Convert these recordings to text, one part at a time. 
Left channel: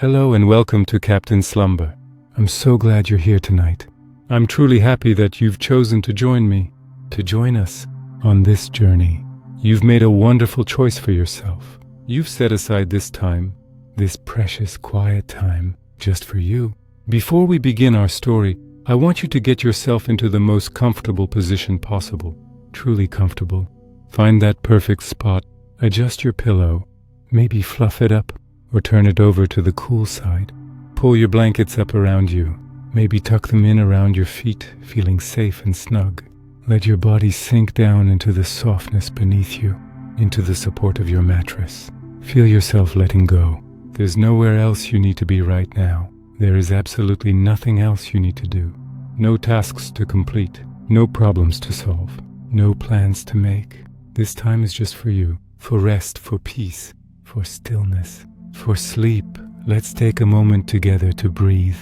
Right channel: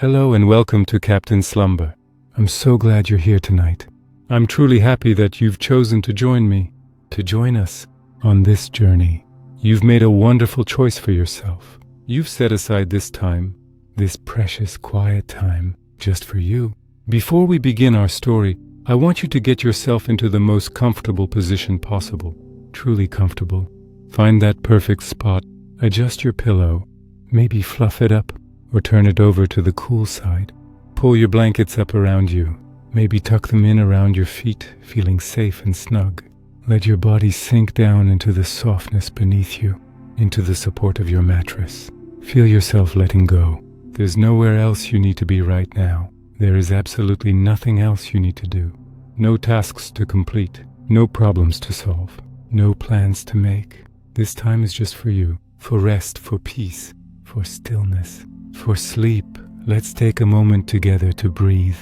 Hello and welcome to Captain Slumber. I'm so glad you're here tonight. I'm truly happy that you've chosen to join me, to join us on this journey. You've made a wonderful choice for yourself. You've set aside this time, this precious quiet time, just for you. Before we begin our story, I want you to get yourself into the most comfortable position possible, truly comfortable. Find that perfect spot, adjust your pillow, maybe fluff it up, or turn it over to the cool side. Pull your blankets up around you. Maybe tuck them in around your feet, feeling safe and snug. Let your body sink down into the softness beneath you, into the support of your mattress. Feel yourself letting go. There's nowhere else you need to be right now. There is absolutely nothing else you need to do. No tasks to complete, no problems to solve, no plans to make. This time is just for you, for rest, for peace, for stillness. For sleep. Let's take a moment together to breathe,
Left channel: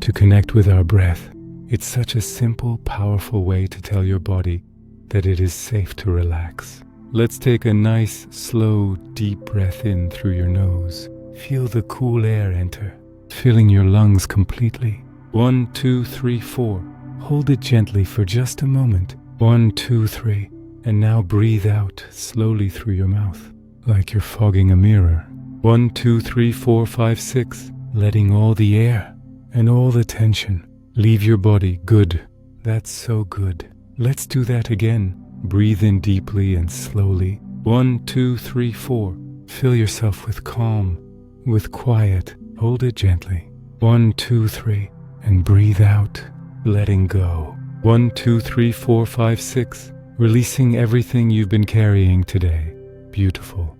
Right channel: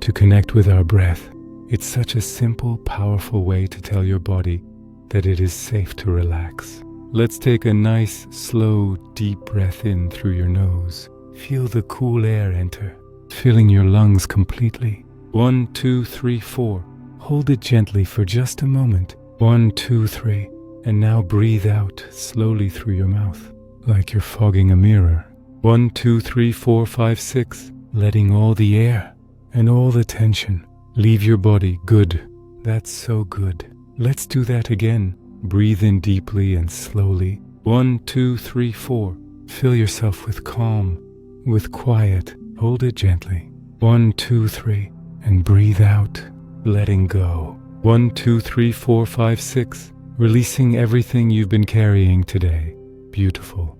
to connect with our breath. It's such a simple, powerful way to tell your body that it is safe to relax. Let's take a nice, slow, deep breath in through your nose. Feel the cool air enter, filling your lungs completely. 1, 2, 3, 4. Hold it gently for just a moment. 1, 2, 3. And now breathe out slowly through your mouth, like you're fogging a mirror. 1, 2, 3, 4, 5, 6. Letting all the air and all the tension leave your body. Good. That's so good. Let's do that again. Breathe in deeply and slowly. 1, 2, 3, 4. Fill yourself with calm, with quiet. Hold it gently. 1, 2, 3. And breathe out, letting go. 1, 2, 3, 4, 5, 6. Releasing everything you've been carrying today. Beautiful.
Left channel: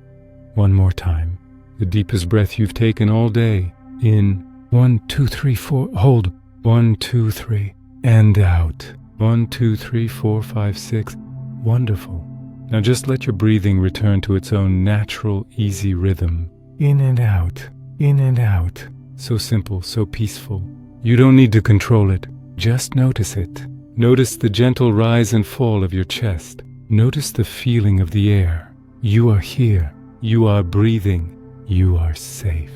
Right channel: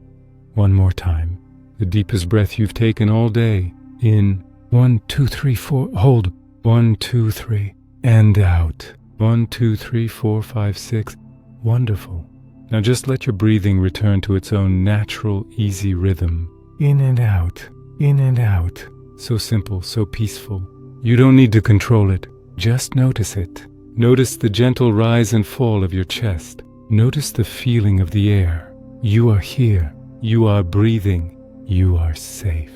One more time. The deepest breath you've taken all day. In. 1, 2, 3, 4. Hold. 1, 2, 3. And out. 1, 2, 3, 4, 5, 6. Wonderful. Now just let your breathing return to its own natural, easy rhythm. In and out. In and out. So simple, so peaceful. You don't need to control it. Just notice it. Notice the gentle rise and fall of your chest. Notice the feeling of the air. You are here. You are breathing. You are safe.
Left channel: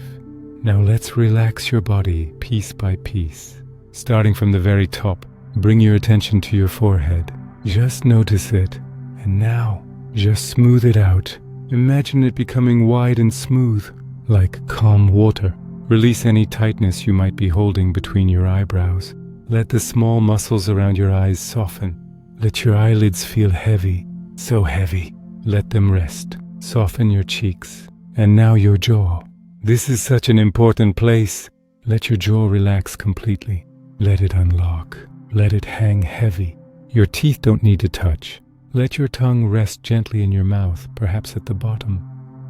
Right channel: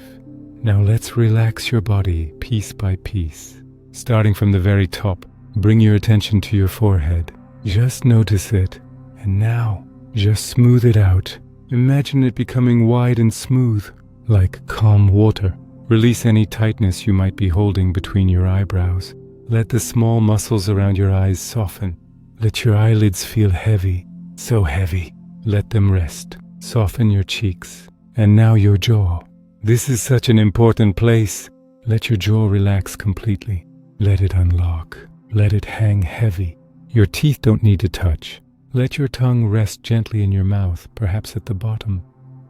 Now let's relax your body piece by piece. Starting from the very top, bring your attention to your forehead. Just notice it. And now, just smooth it out. Imagine it becoming wide and smooth, like calm water. Release any tightness you might be holding between your eyebrows. Let the small muscles around your eyes soften. Let your eyelids feel heavy, so heavy. Let them rest. Soften your cheeks. And now your jaw. This is such an important place. Let your jaw relax completely. Let it unlock. Let it hang heavy. Your teeth don't need to touch. Let your tongue rest gently in your mouth, perhaps at the bottom.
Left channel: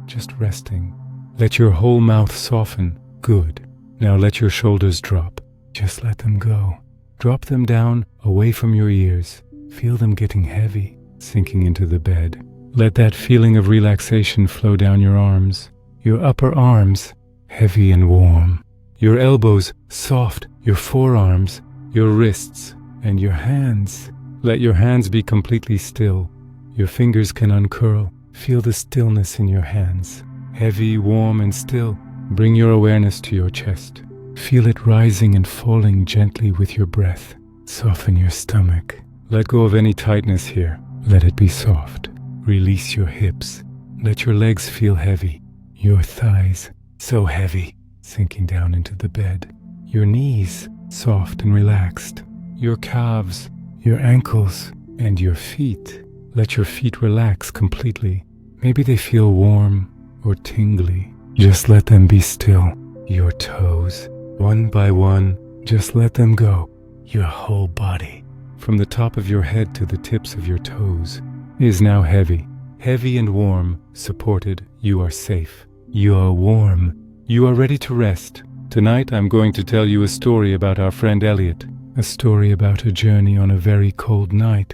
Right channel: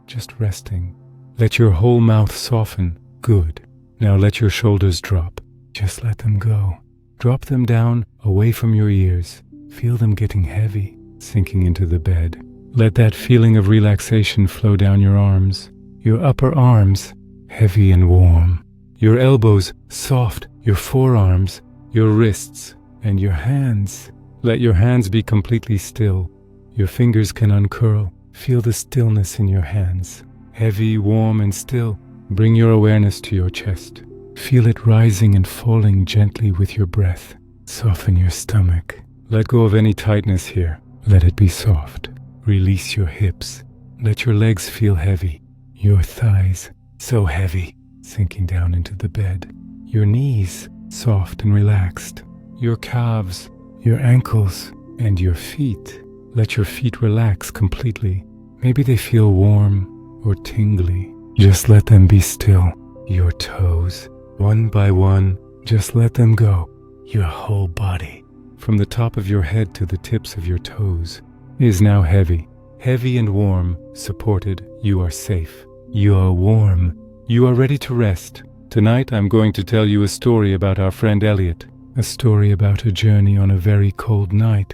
Just resting. Let your whole mouth soften. Good. Now let your shoulders drop. Just let them go. Drop them down, away from your ears. Feel them getting heavy, sinking into the bed. Let that feeling of relaxation flow down your arms. Your upper arms, heavy and warm. Your elbows, soft. Your forearms, your wrists, and your hands. Let your hands be completely still. Your fingers can uncurl. Feel the stillness in your hands. Heavy, warm, and still. Bring your awareness to your chest. Feel it rising and falling gently with your breath. Soften your stomach. Let go of any tightness here. Let it be soft. Release your hips. Let your legs feel heavy. Your thighs, so heavy, sinking down into the bed. Your knees, soft and relaxed. Your calves, your ankles, and your feet. Let your feet relax completely. Maybe they feel warm or tingly. Just let them be still. Your toes, one by one, just let them go. Your whole body, from the top of your head to the tips of your toes, is now heavy. Heavy and warm, supported. You are safe. You are warm. You are ready to rest. Tonight I'm going to tell you a story about our friend Elliot. A story about a journey on a very cold night,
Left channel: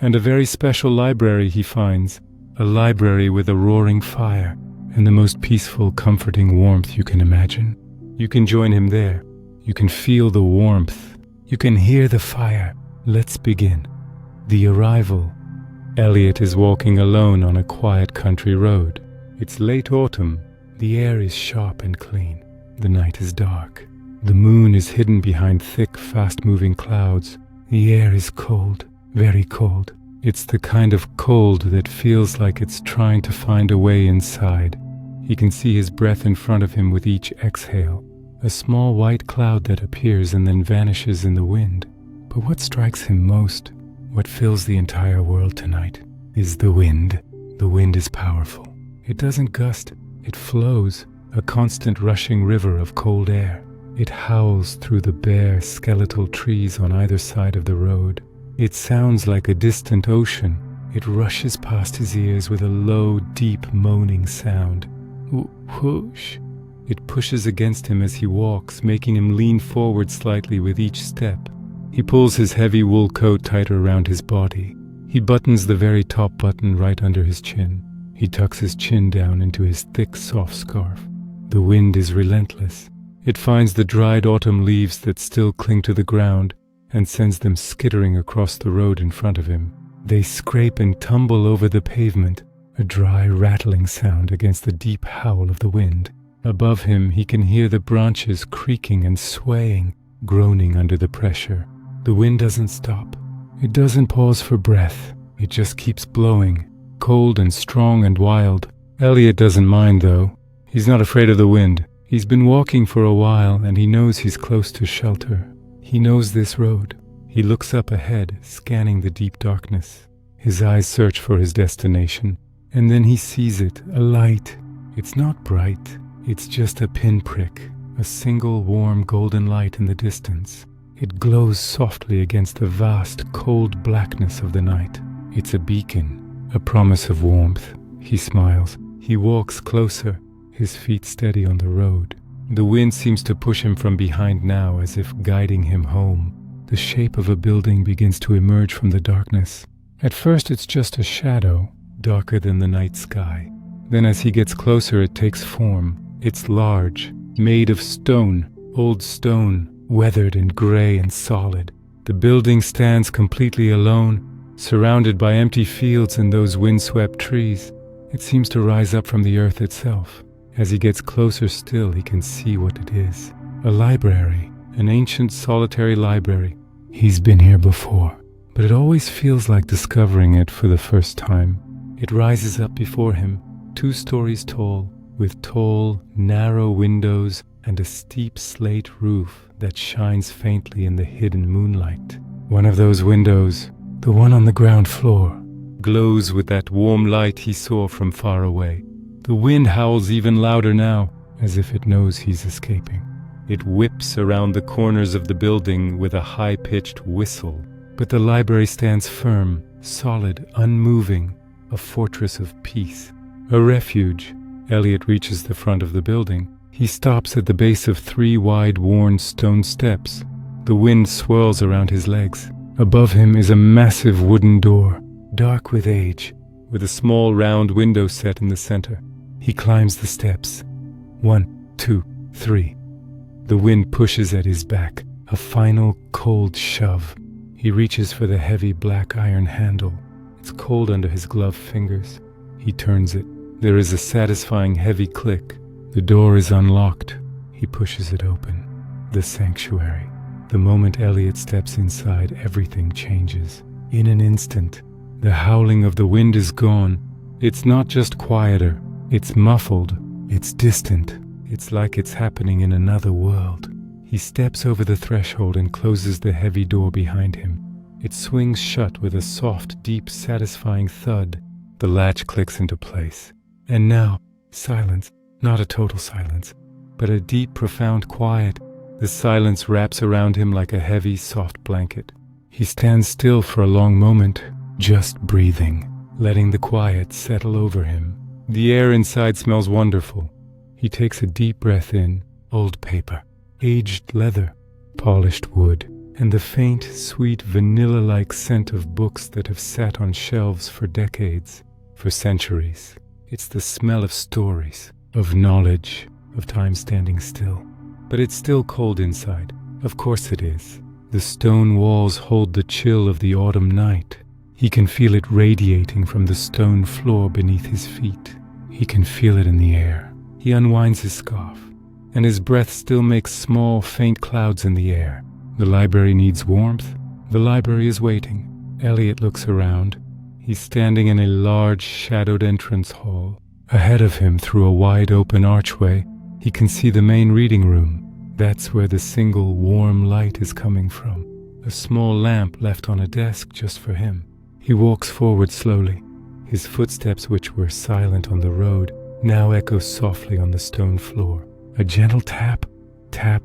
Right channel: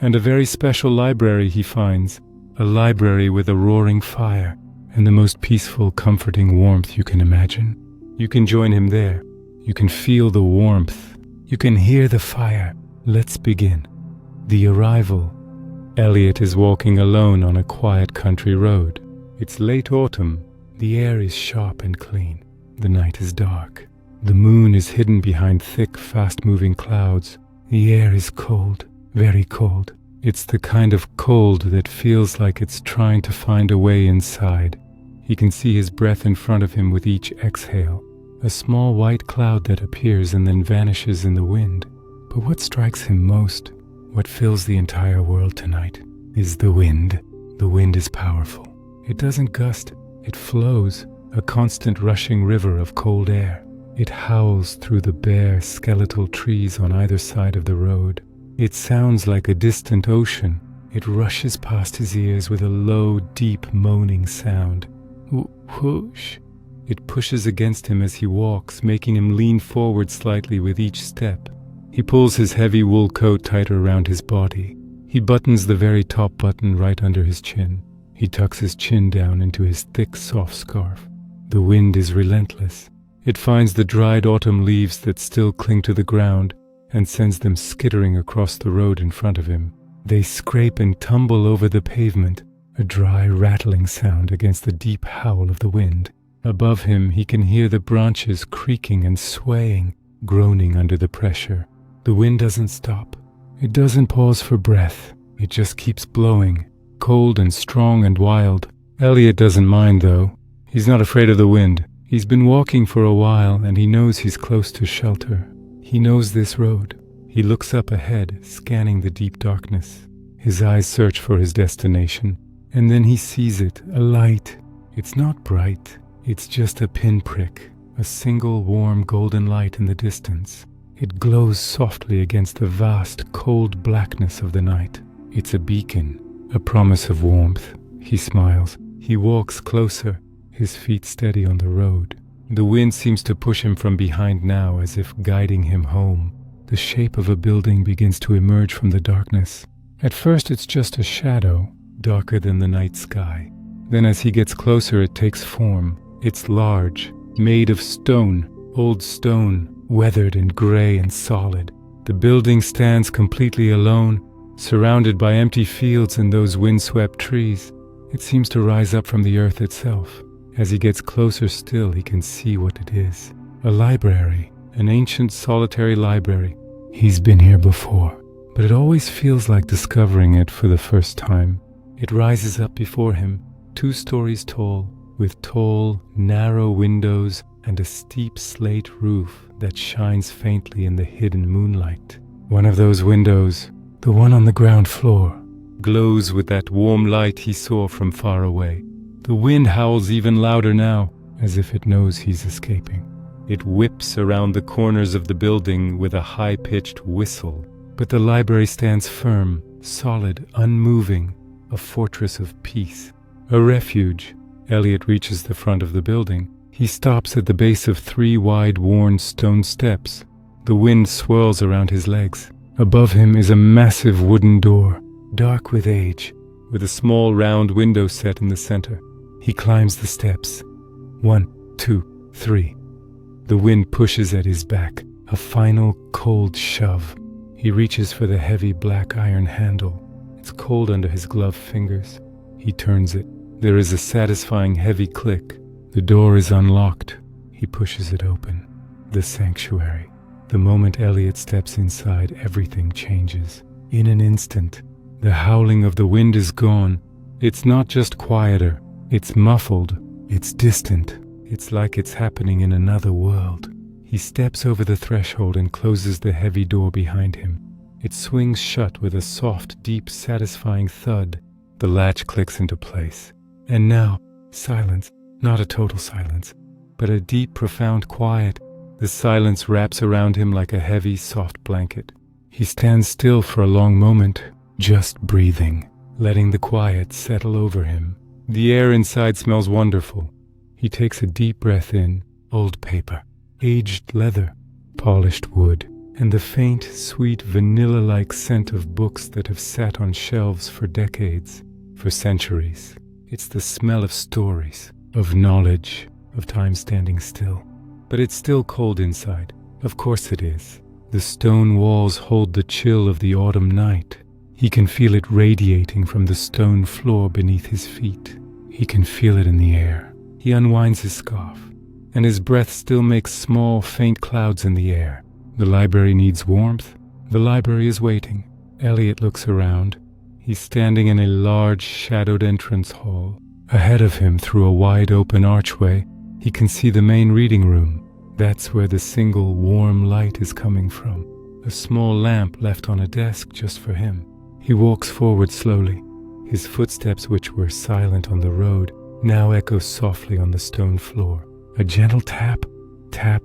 and a very special library he finds. A library with a roaring fire, and the most peaceful, comforting warmth you can imagine. You can join him there. You can feel the warmth. You can hear the fire. Let's begin. The arrival. Elliot is walking alone on a quiet country road. It's late autumn. The air is sharp and clean. The night is dark. The moon is hidden behind thick, fast-moving clouds. The air is cold, very cold. It's the kind of cold that feels like it's trying to find a way inside. He can see his breath in front of him with each exhale, a small white cloud that appears and then vanishes in the wind. But what strikes him most, what fills the entire world tonight, is the wind. The wind is powerful. It doesn't gust, it flows, a constant rushing river of cold air. It howls through the bare, skeletal trees on either side of the road. It sounds like a distant ocean. It rushes past his ears with a low, deep, moaning sound. Whoosh! It pushes against him as he walks, making him lean forward slightly with each step. He pulls his heavy wool coat tighter around his body. He buttons the very top button right under his chin. He tucks his chin down into his thick, soft scarf. The wind is relentless. It finds the dried autumn leaves that still cling to the ground and sends them skittering across the road in front of him. They scrape and tumble over the pavement, a dry, rattling sound against the deep howl of the wind. Above him, he can hear the branches creaking and swaying, groaning under the pressure. The wind doesn't stop. It doesn't pause for breath. It just keeps blowing, cold and strong and wild. Elliot doesn't mind, though. He's not afraid of the wind. He's been walking for a while, and he knows he's close to shelter. He knows this road. He looks up ahead, scanning the deep darkness. His eyes search for his destination, and then he sees it, a light. It's not bright. It's just a pinprick, a single warm golden light in the distance. It glows softly against the vast, cold blackness of the night. It's a beacon, a promise of warmth. He smiles. He walks closer, his feet steady on the road. The wind seems to push him from behind now, as if guiding him home. The shape of a building begins to emerge from the darkness. At first it's just a shadow, darker than the night sky. Then as he gets closer, it takes form. It's large, made of stone, old stone, weathered and gray and solid. The building stands completely alone, surrounded by empty fields and those windswept trees. It seems to rise up from the earth itself. As he gets closer still, he can see what it is. A library, an ancient solitary library. He's been here before, but it always feels like discovering it for the first time. It rises up before him, 2 stories tall, with tall, narrow windows and a steep slate roof that shines faintly in the hidden moonlight. One of those windows, the one on the ground floor, glows with that warm light he saw from far away. The wind howls even louder now, as if it knows he's escaping. It whips around the corners of the building with a high-pitched whistle. But the library stands firm, solid, unmoving, a fortress of peace. A refuge. Elliot reaches the front of the building. He stops at the base of 3 wide, worn stone steps. The wind swirls around his legs. Above him is a massive wooden door, dark with age, with a small round window set in the center. He climbs the steps. 1, 2, 3. The wind pushes at his back, a final cold shove. He reaches for the heavy black iron handle. It's cold under his gloved fingers. He turns it. There is a satisfying heavy click. The door is unlocked. He pushes it open. The sanctuary. The moment Elliot steps inside, everything changes. In an instant, the howling of the wind is gone. It's not just quieter. It's muffled. It's distant. It's like it's happening in another world. He steps over the threshold and closes the heavy door behind him. It swings shut with a soft, deep, satisfying thud. The latch clicks into place. And now, silence. Not a total silence, but a deep, profound quiet. The silence wraps around him like a heavy, soft blanket. He stands still for a long moment, just breathing, letting the quiet settle over him. The air inside smells wonderful. He takes a deep breath in. Old paper, aged leather, polished wood, and the faint, sweet, vanilla-like scent of books that have sat on shelves for decades, for centuries. It's the smell of stories, of knowledge, of time standing still. But it's still cold inside. Of course it is. The stone walls hold the chill of the autumn night. He can feel it radiating from the stone floor beneath his feet. He can feel it in the air. He unwinds his scarf. and his breath still makes small, faint clouds in the air. The library needs warmth. The library is waiting. Elliot looks around. He's standing in a large, shadowed entrance hall. Ahead of him, through a wide-open archway, he can see the main reading room. That's where the single warm light is coming from. A small lamp left on a desk just for him. He walks forward slowly. His footsteps, which were silent on the road, now echo softly on the stone floor. A gentle tap, tap,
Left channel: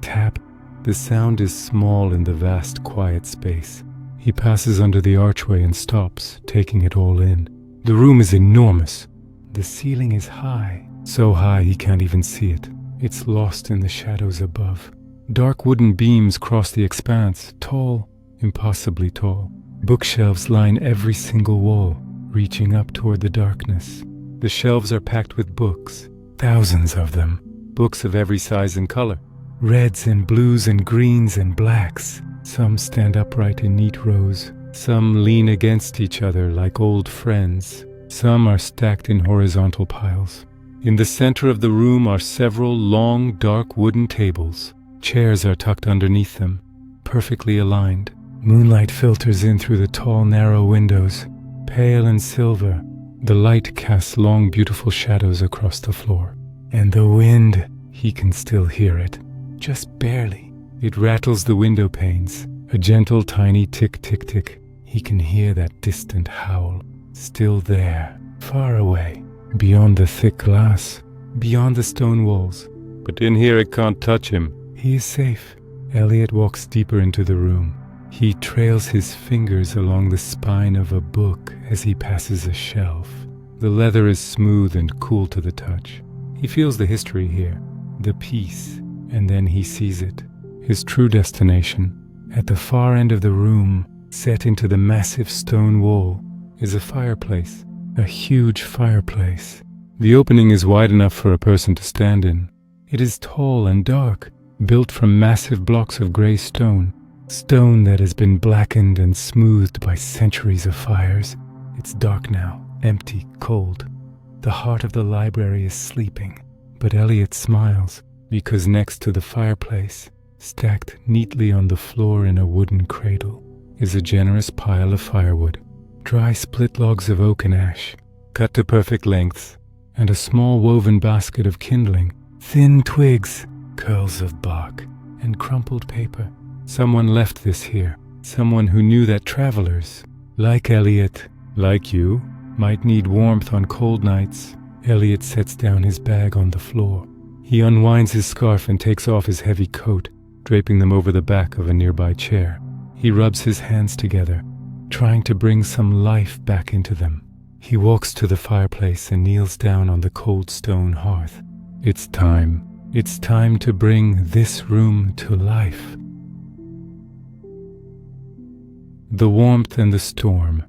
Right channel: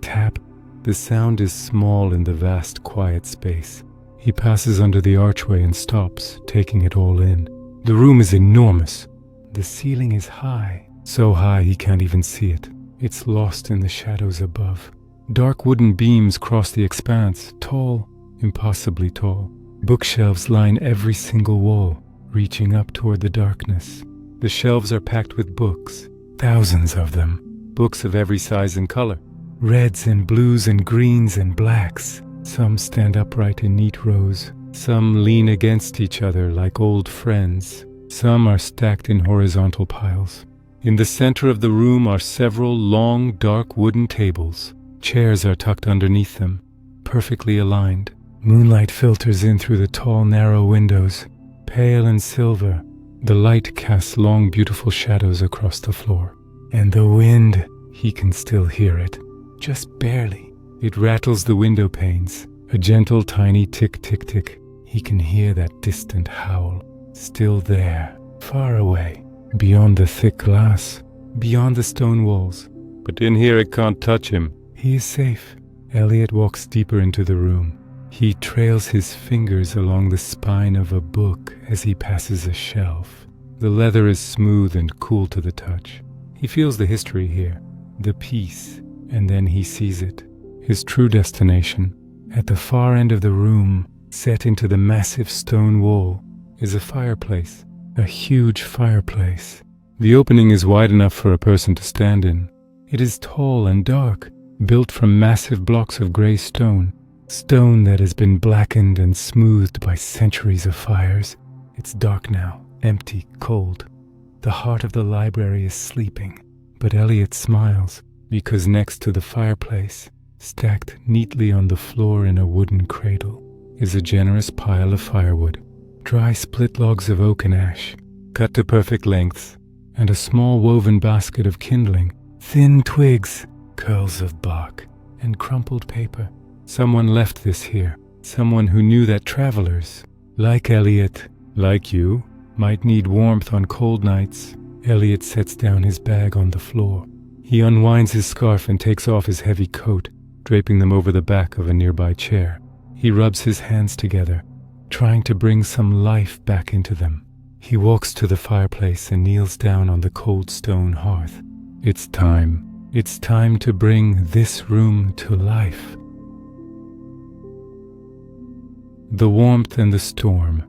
tap. The sound is small in the vast, quiet space. He passes under the archway and stops, taking it all in. The room is enormous. The ceiling is high, so high he can't even see it. It's lost in the shadows above. Dark wooden beams cross the expanse, tall, impossibly tall. Bookshelves line every single wall, reaching up toward the darkness. The shelves are packed with books, thousands of them. Books of every size and color. Reds and blues and greens and blacks. Some stand upright in neat rows. Some lean against each other like old friends. Some are stacked in horizontal piles. In the center of the room are several long, dark wooden tables. Chairs are tucked underneath them, perfectly aligned. Moonlight filters in through the tall, narrow windows. Pale and silver, the light casts long, beautiful shadows across the floor. And the wind, he can still hear it. Just barely. It rattles the window panes. A gentle, tiny tick, tick, tick. He can hear that distant howl. Still there, far away, beyond the thick glass, beyond the stone walls. But in here it can't touch him. He is safe. Elliot walks deeper into the room. He trails his fingers along the spine of a book as he passes a shelf. The leather is smooth and cool to the touch. He feels the history here, the peace, and then he sees it. His true destination, at the far end of the room, set into the massive stone wall, is a fireplace, a huge fireplace. The opening is wide enough for a person to stand in. It is tall and dark, built from massive blocks of gray stone, stone that has been blackened and smoothed by centuries of fires. It's dark now, empty, cold. The heart of the library is sleeping, but Elliot smiles, because next to the fireplace, stacked neatly on the floor in a wooden cradle, is a generous pile of firewood. Dry split logs of oak and ash, cut to perfect lengths, and a small woven basket of kindling, thin twigs, curls of bark, and crumpled paper. Someone left this here, someone who knew that travelers, like Elliot, like you, might need warmth on cold nights. Elliot sets down his bag on the floor. He unwinds his scarf and takes off his heavy coat, draping them over the back of a nearby chair. He rubs his hands together, trying to bring some life back into them. He walks to the fireplace and kneels down on the cold stone hearth. It's time. It's time to bring this room to life. The warmth and the storm.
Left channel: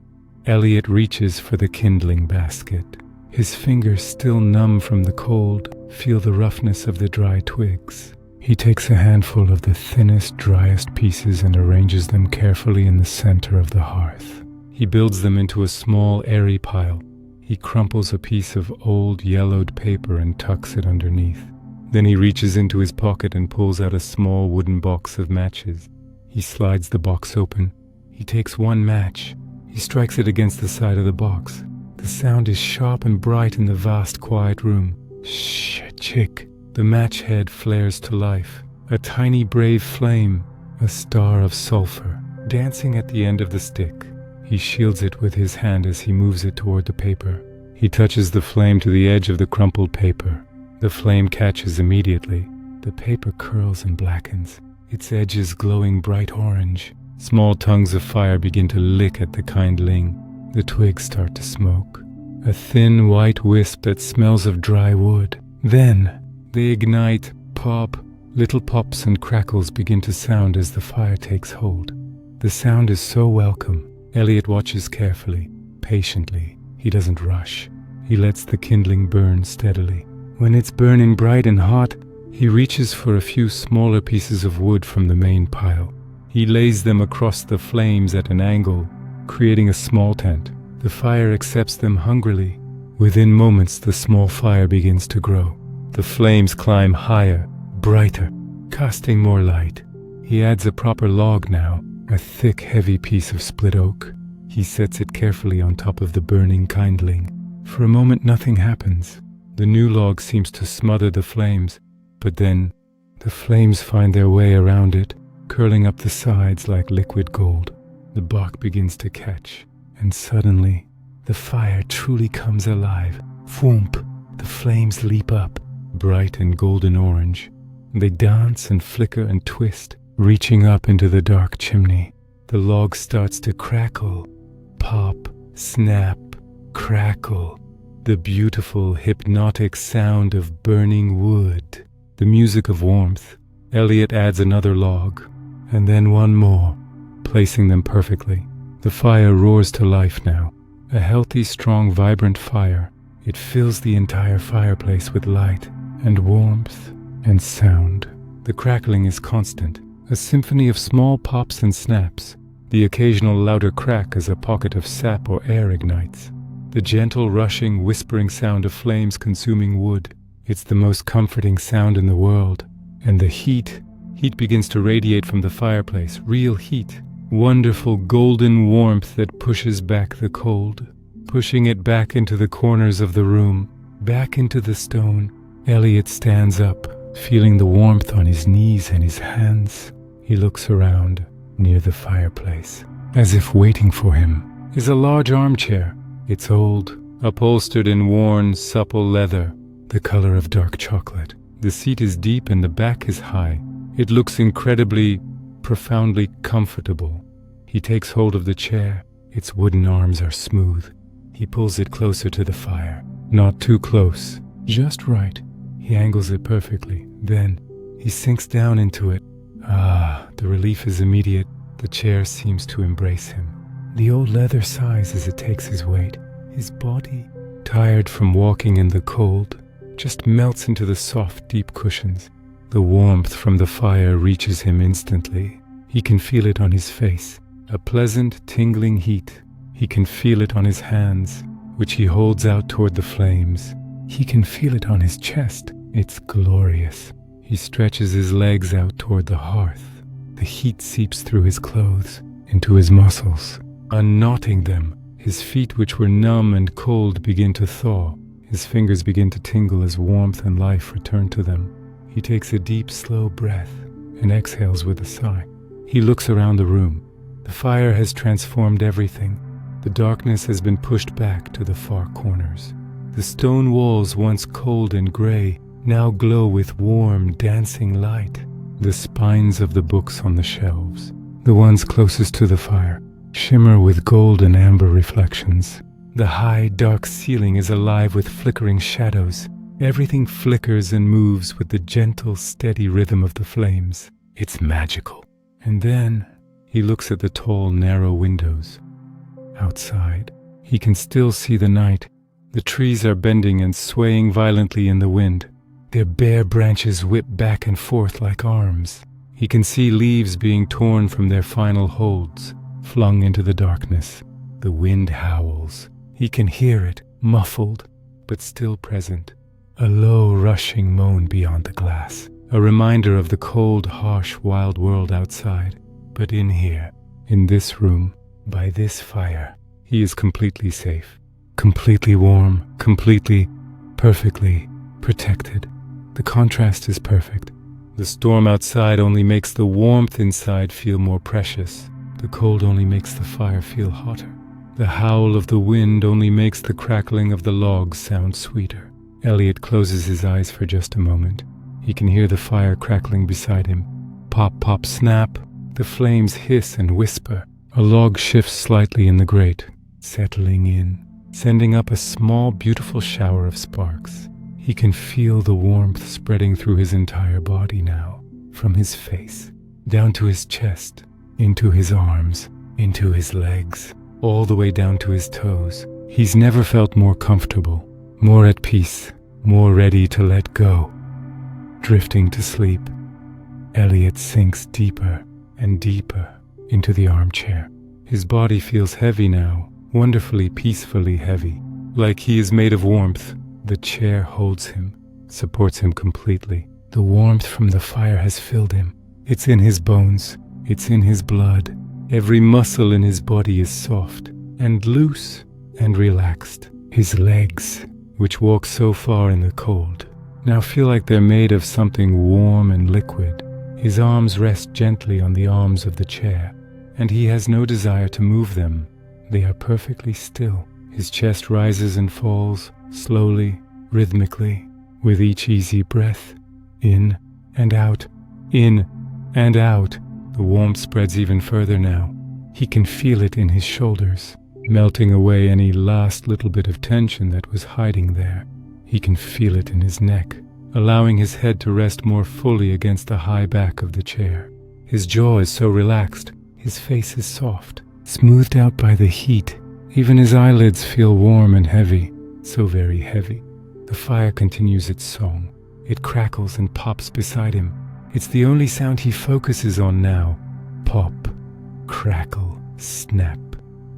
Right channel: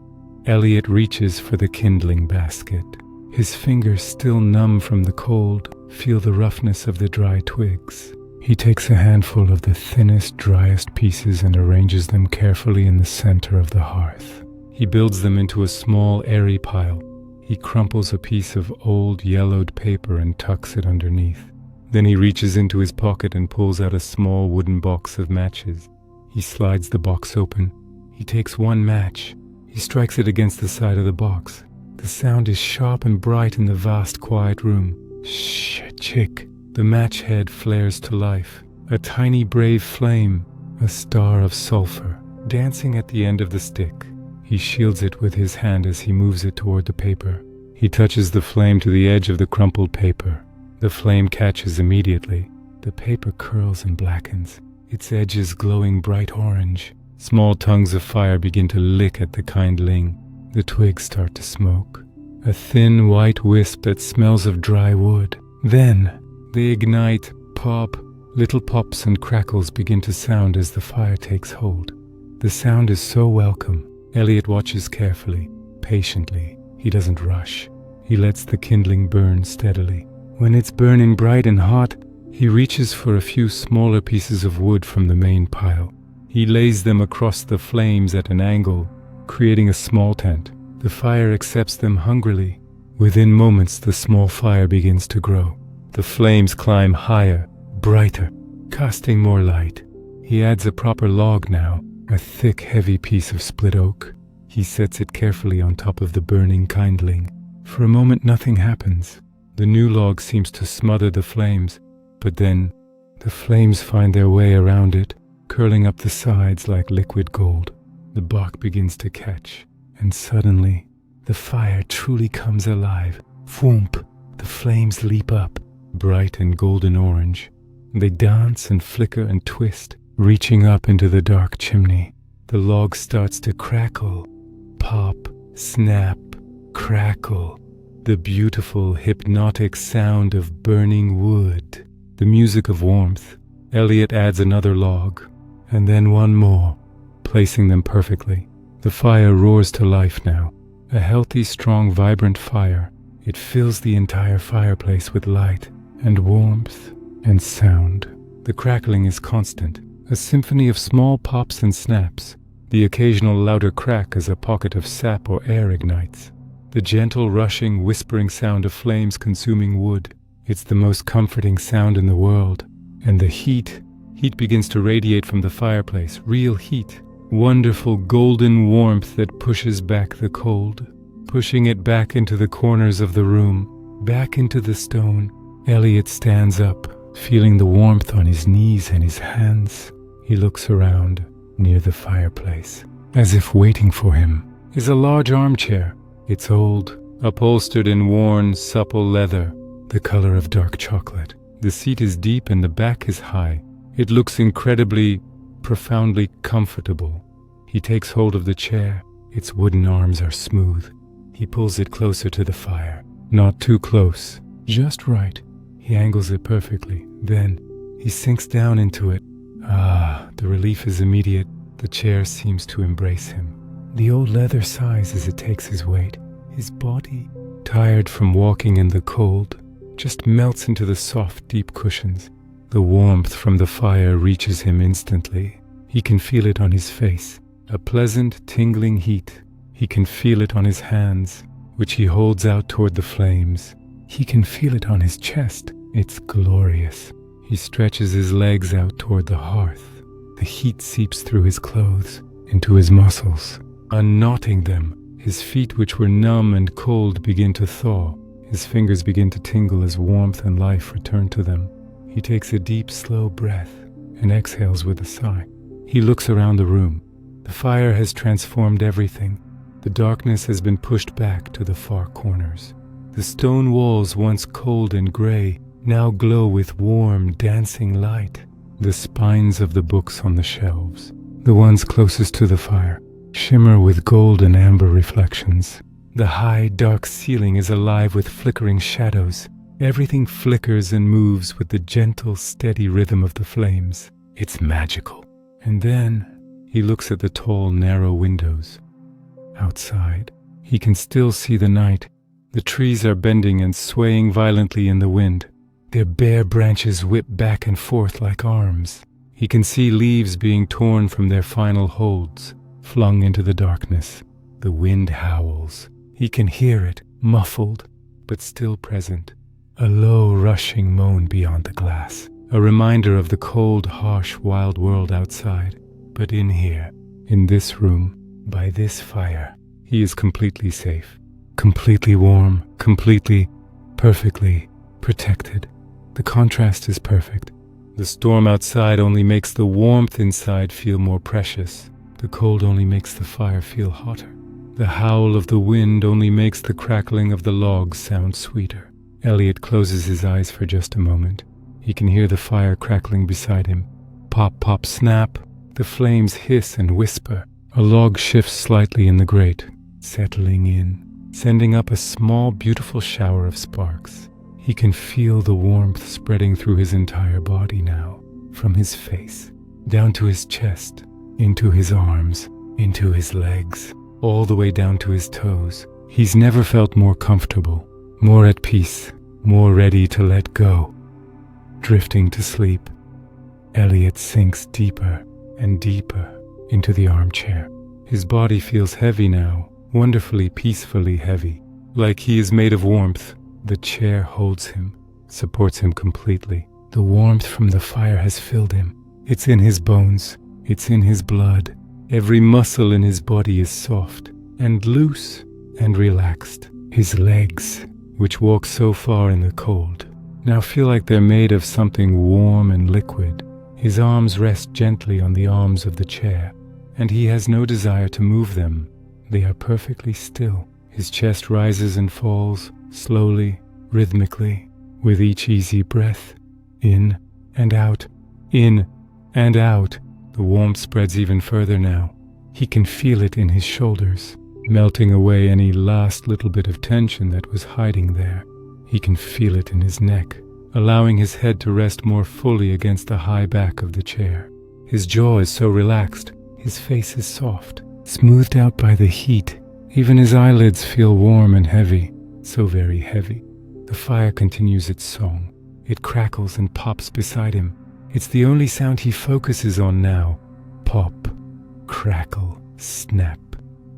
Elliot reaches for the kindling basket. His fingers, still numb from the cold, feel the roughness of the dry twigs. He takes a handful of the thinnest, driest pieces and arranges them carefully in the center of the hearth. He builds them into a small, airy pile. He crumples a piece of old, yellowed paper and tucks it underneath. Then he reaches into his pocket and pulls out a small wooden box of matches. He slides the box open. He takes one match. He strikes it against the side of the box. The sound is sharp and bright in the vast, quiet room. Shh, chick. The match head flares to life. A tiny, brave flame, a star of sulfur, dancing at the end of the stick. He shields it with his hand as he moves it toward the paper. He touches the flame to the edge of the crumpled paper. The flame catches immediately. The paper curls and blackens, its edges glowing bright orange. Small tongues of fire begin to lick at the kindling. The twigs start to smoke. A thin white wisp that smells of dry wood. Then they ignite, pop. Little pops and crackles begin to sound as the fire takes hold. The sound is so welcome. Elliot watches carefully, patiently. He doesn't rush. He lets the kindling burn steadily. When it's burning bright and hot, he reaches for a few smaller pieces of wood from the main pile. He lays them across the flames at an angle, creating a small tent. The fire accepts them hungrily. Within moments, the small fire begins to grow. The flames climb higher, brighter, casting more light. He adds a proper log now, a thick, heavy piece of split oak. He sets it carefully on top of the burning kindling. For a moment nothing happens. The new log seems to smother the flames, but then the flames find their way around it, curling up the sides like liquid gold. The bark begins to catch, and suddenly the fire truly comes alive. Whoomp! The flames leap up, bright and golden orange. They dance and flicker and twist, reaching up into the dark chimney. The log starts to crackle, pop, snap, crackle. The beautiful, hypnotic sound of burning wood. The music of warmth. Elliot adds another log, and then one more, placing them perfectly. The fire roars to life now. A healthy, strong, vibrant fire. It fills the entire fireplace with light and warmth and sound. The crackling is constant, a symphony of small pops and snaps. The occasional louder crack as a pocket of sap or air ignites. The gentle, rushing, whispering sound of flames consuming wood. It's the most comforting sound in the world. And the heat begins to radiate from the fireplace, real heat. Wonderful golden warmth that pushes back the cold, pushing it back into the corners of the room, back into the stone. Elliot stands up, feeling the warmth on his knees and his hands. He looks around. Near the fireplace, as if waiting for him, is a large armchair. It's old, upholstered in worn, supple leather, the color of dark chocolate. The seat is deep and the back is high. It looks incredibly, profoundly comfortable. He takes hold of the chair. Its wooden arms are smooth. He pulls it closer to the fire. Not too close, just right. He angles it perfectly. Then he sinks down into it. The relief is immediate. The chair seems to embrace him. The old leather sighs as it takes his weight. His body, tired from walking in the cold, just melts into the soft, deep cushions. The warmth from the fire reaches him instantly. He can feel it on his face, a pleasant, tingling heat. He can feel it on his hands, which he holds out toward the flames. He can feel it on his chest. It's glorious. He stretches his legs out toward the hearth. The heat seeps through his clothes, into his muscles, unknotting them. His feet, which were numb and cold, begin to thaw. His fingers begin to tingle as warmth and life return to them. He takes a deep, slow breath and exhales with a sigh. He looks around the room. The fire has transformed everything. The darkness has been pushed back to the far corners. The stone walls, once cold and gray, now glow with warm, dancing light. The spines of the books on the shelves, the ones closest to the fire, shimmer with gold and amber reflections. The high, dark ceiling is alive with flickering shadows. Everything flickers and moves with the gentle, steady rhythm of the flames. It's magical. And then he looks at the tall, narrow windows. Outside, he can still see the night. The trees are bending and swaying violently in the wind. Their bare branches whip back and forth like arms. He can see leaves being torn from their final holds, flung into the darkness. The wind howls. He can hear it, muffled, but still present. A low, rushing moan beyond the glass. A reminder of the cold, harsh, wild world outside. But in here, in this room, by this fire, he is completely safe. Completely warm, completely, perfectly protected. The contrast is perfect. The storm outside only makes the warmth inside feel more precious. The cold only makes the fire feel hotter. The howl of the wind only makes the crackling of the logs sound sweeter. Elliot closes his eyes for just a moment. He can hear the fire crackling beside him. Pop, pop, snap. The flames hiss and whisper. A log shifts slightly in the grate, settling in, sending up a small, beautiful shower of sparks. He can feel the warmth spreading through his entire body now, from his face, down to his chest, into his arms, into his legs, all the way down to his toes. He's never felt more comfortable, more at peace, more ready to let go. Drifting to sleep, Elliot sinks deeper and deeper into the armchair. His body feels heavy now, wonderfully, peacefully heavy, like he is made of warmth. The chair holds him. supports him completely. The warmth from the fire has filled him. It's in his bones. It's in his blood. Every muscle in his body is soft and loose and relaxed. His legs, which walk so far in the cold, now feel like they're made of something warm and liquid. His arms rest gently on the arms of the chair, and he has no desire to move them. They are perfectly still. His chest rises and falls, slowly, rhythmically, with each easy breath. In and out, in and out. The warmth spreads even further now. He can feel it in his shoulders, melting away any last little bit of tension that was hiding there. He can feel it in his neck, allowing his head to rest more fully against the high back of the chair. His jaw is so relaxed. His face is soft, smoothed out by the heat. Even his eyelids feel warm and heavy, so very heavy. The fire continues its song. It crackles and pops beside him. It's the only sound he focuses on now. Pop, crackle, snap.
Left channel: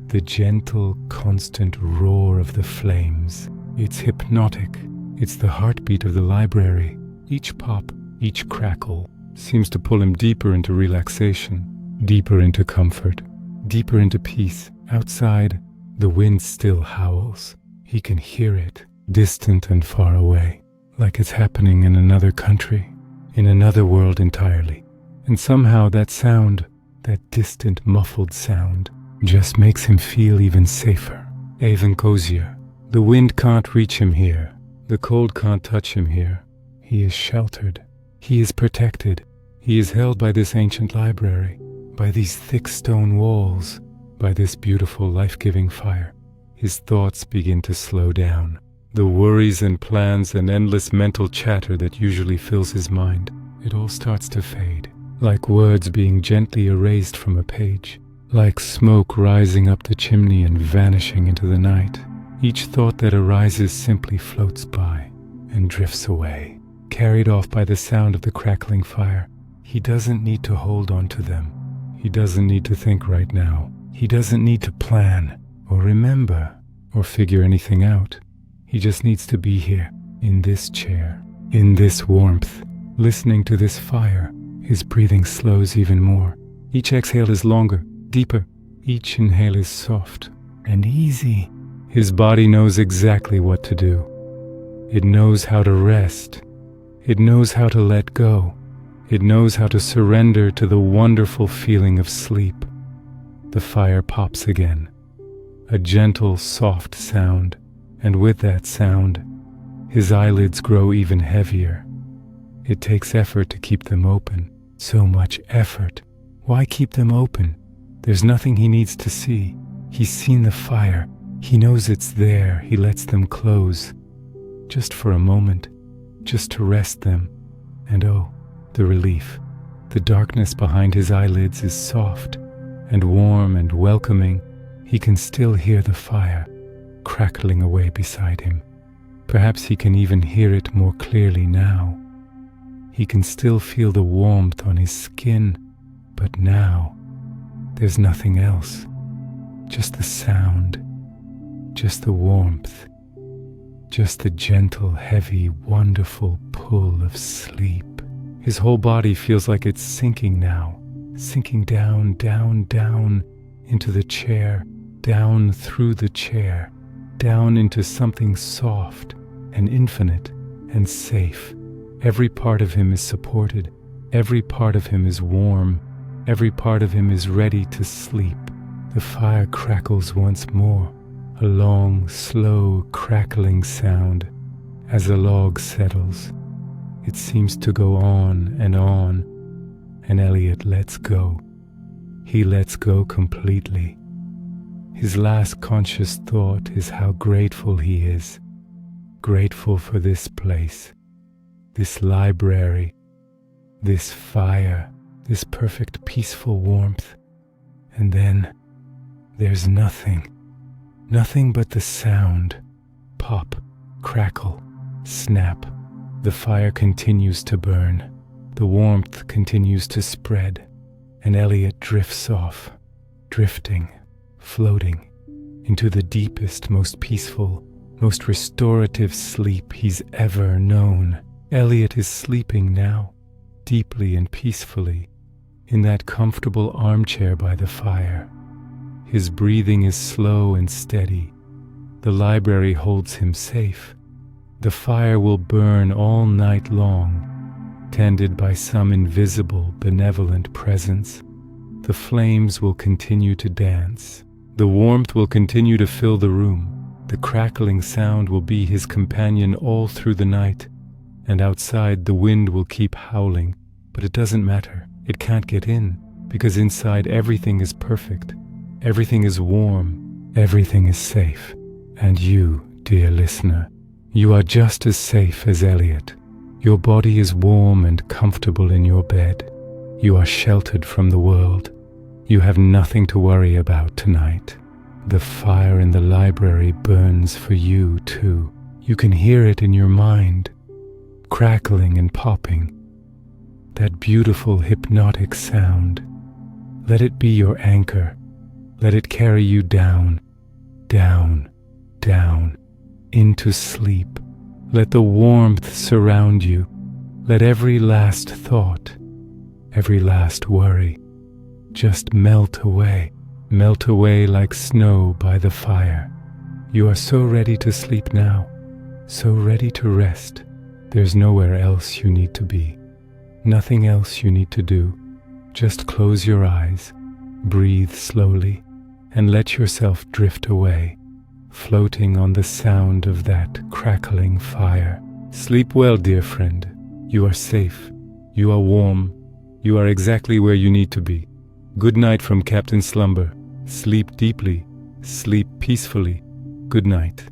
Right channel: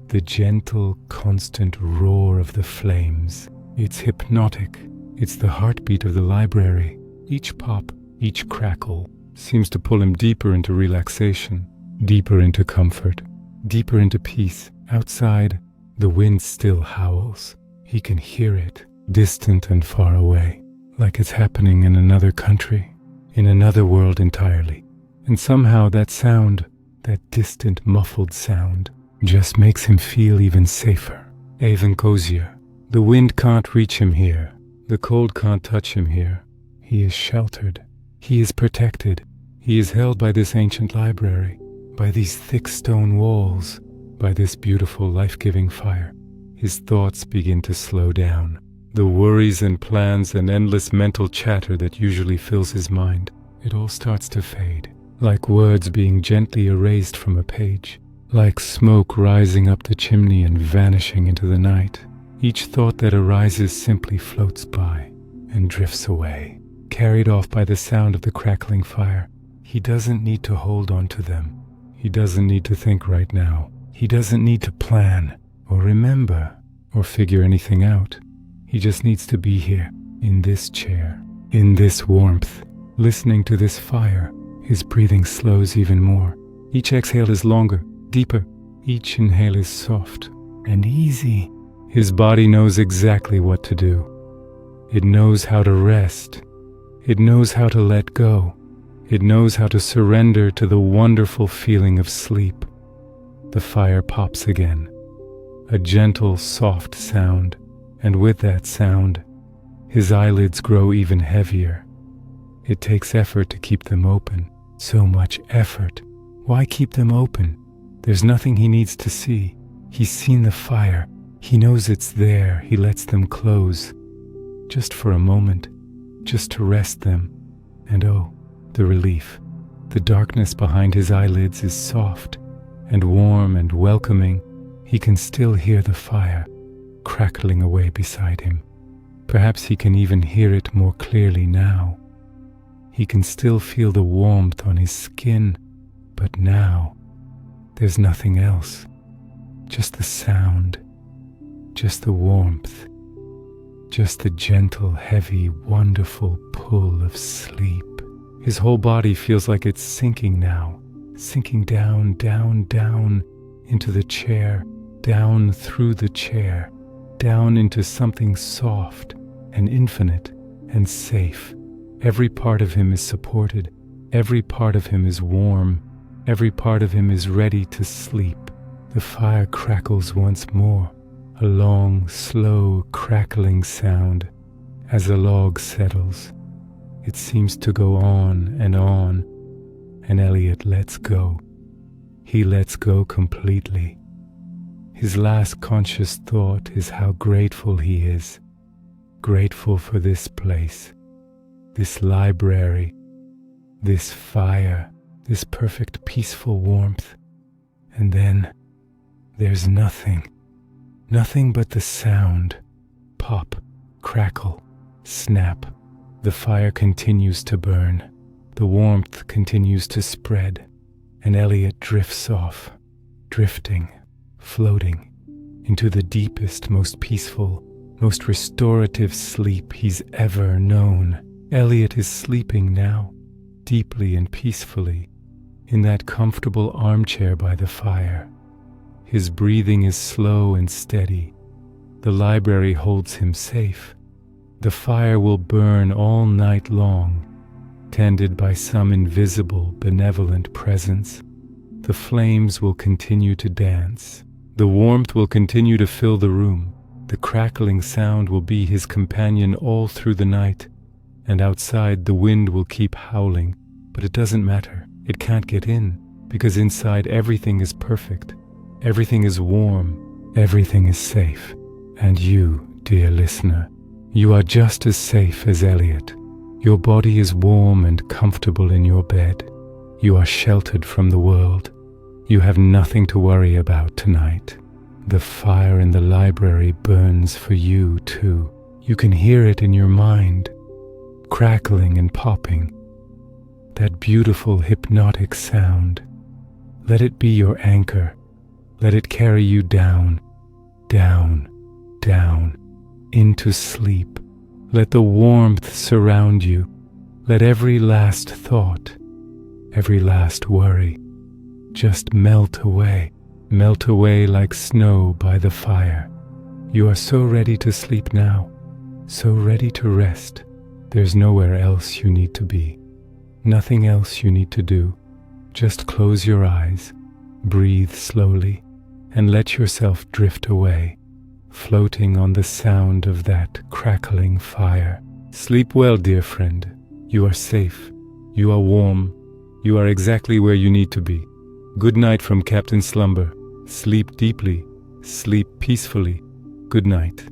The gentle, constant roar of the flames. It's hypnotic. It's the heartbeat of the library. Each pop, each crackle seems to pull him deeper into relaxation, deeper into comfort, deeper into peace. Outside, the wind still howls. He can hear it, distant and far away, like it's happening in another country, in another world entirely. And somehow that sound, that distant, muffled sound, just makes him feel even safer, even cozier. The wind can't reach him here. The cold can't touch him here. He is sheltered. He is protected. He is held by this ancient library, by these thick stone walls, by this beautiful life-giving fire. His thoughts begin to slow down. The worries and plans and endless mental chatter that usually fills his mind, it all starts to fade, like words being gently erased from a page, like smoke rising up the chimney and vanishing into the night. Each thought that arises simply floats by and drifts away, carried off by the sound of the crackling fire. He doesn't need to hold on to them. He doesn't need to think right now. He doesn't need to plan or remember or figure anything out. He just needs to be here, in this chair, in this warmth, listening to this fire. His breathing slows even more. Each exhale is longer, deeper. Each inhale is soft and easy. His body knows exactly what to do. It knows how to rest. It knows how to let go. It knows how to surrender to the wonderful feeling of sleep. The fire pops again. A gentle, soft sound, and with that sound, his eyelids grow even heavier. It takes effort to keep them open. So much effort. Why keep them open? There's nothing he needs to see. He's seen the fire. He knows it's there. He lets them close. Just for a moment. Just to rest them. And oh, the relief. The darkness behind his eyelids is soft and warm and welcoming. He can still hear the fire crackling away beside him. Perhaps he can even hear it more clearly now. He can still feel the warmth on his skin, but now there's nothing else. Just the sound, just the warmth, just the gentle, heavy, wonderful pull of sleep. His whole body feels like it's sinking now, sinking down, down, down into the chair, down through the chair, down into something soft and infinite and safe. Every part of him is supported. Every part of him is warm. Every part of him is ready to sleep. The fire crackles once more, a long, slow, crackling sound as the log settles. It seems to go on, and Elliot lets go. He lets go completely. His last conscious thought is how grateful he is. Grateful for this place, this library, this fire, this perfect peaceful warmth. And then there's nothing but the sound. Pop, crackle, snap. The fire continues to burn. The warmth continues to spread, and Elliot drifts off, drifting, floating into the deepest, most peaceful, most restorative sleep he's ever known. Elliot is sleeping now, deeply and peacefully, in that comfortable armchair by the fire. His breathing is slow and steady. The library holds him safe. The fire will burn all night long, tended by some invisible, benevolent presence. The flames will continue to dance. The warmth will continue to fill the room. The crackling sound will be his companion all through the night, and outside the wind will keep howling. But it doesn't matter. It can't get in, because inside everything is perfect. Everything is warm. Everything is safe. And you, dear listener, you are just as safe as Elliot. Your body is warm and comfortable in your bed. You are sheltered from the world. You have nothing to worry about tonight. The fire in the library burns for you too. You can hear it in your mind, crackling and popping. That beautiful hypnotic sound. Let it be your anchor. Let it carry you down, down, down, into sleep. Let the warmth surround you. Let every last thought, every last worry, just melt away like snow by the fire. You are so ready to sleep now, so ready to rest. There's nowhere else you need to be, nothing else you need to do. Just close your eyes, breathe slowly, and let yourself drift away, floating on the sound of that crackling fire. Sleep well, dear friend. You are safe. You are warm. You are exactly where you need to be. Good night from Captain Slumber. Sleep deeply. Sleep peacefully. Good night.